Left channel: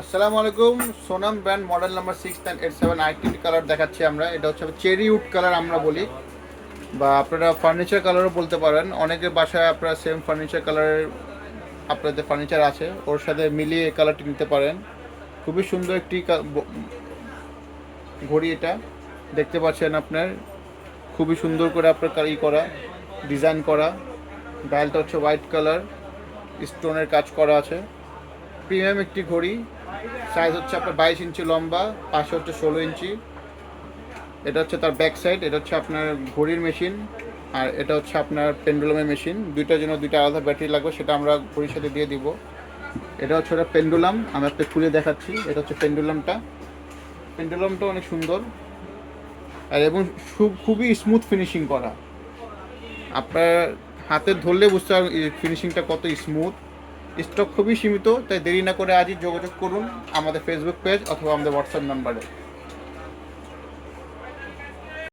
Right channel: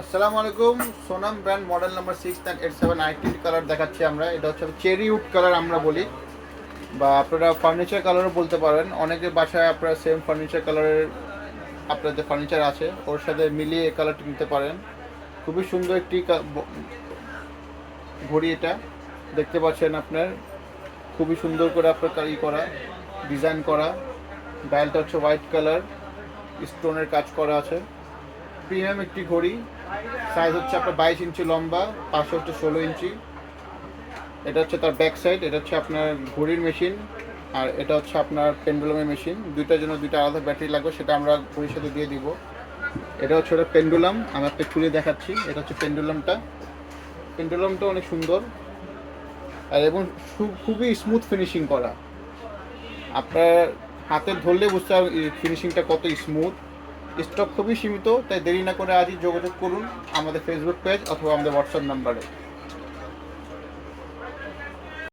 আসসালামু আলাইকুম। Sonam brand model number 6987 আইটেন colour দেখাচ্ছি আমরা। এটা হচ্ছে চেরি উড কালার আমরা বলি, বা আপনারা ফার্নিচার কালারও বলতে পারেন। অনেকের বাসায় আপনারা সেম ফার্নিচার কালারের আপনাদের ফার্নিচার আছে, ওর সাথে মিলিয়ে এই কালারটি নিতে পারেন। খুবই সুন্দর একটি ঘড়ি, এটা দেখতে পাচ্ছেন আপনার। খুবই সুন্দর করে আপনার করা ডিজাইন করা। ডায়ালটা হচ্ছে হোয়াইট কালার, স্টোনের কাজ করা আছে। প্রিমিয়াম একটি ঘড়ি। সাইজ হচ্ছে আপনার 22 ইঞ্চি লম্বা, পাশে হচ্ছে 16 ইঞ্চি। এটা হচ্ছে তার ব্যাক সাইড। এটা হচ্ছে আপনার ঘড়ির মেশিন, আর এটা হচ্ছে আপনার পেন্ডুলামের মেশিন। দুইটার জন্য দুইটা আলাদা ব্যাটারি লাগবে, সেটা আমরা ঘড়ির সাথে দিয়ে দিব। এটা হচ্ছে ওটা পেন্ডুলাম, আমি একটা খুলে দেখাচ্ছি। এটা হচ্ছে পেন্ডুলামটা অনেক সুন্দর, আর এবং খুবই স্মুথ ফিনিশিং করা। আপনার হাতে ধরলে বুঝতে পারবেন ফিনিশিংটা কত স্মুথ। স্টক খুবই সীমিত, তাই দেরি না করে আজই যোগাযোগ করুন আমাদের ফেসবুক পেজ অথবা আমাদের হোয়াটসঅ্যাপ নাম্বারে।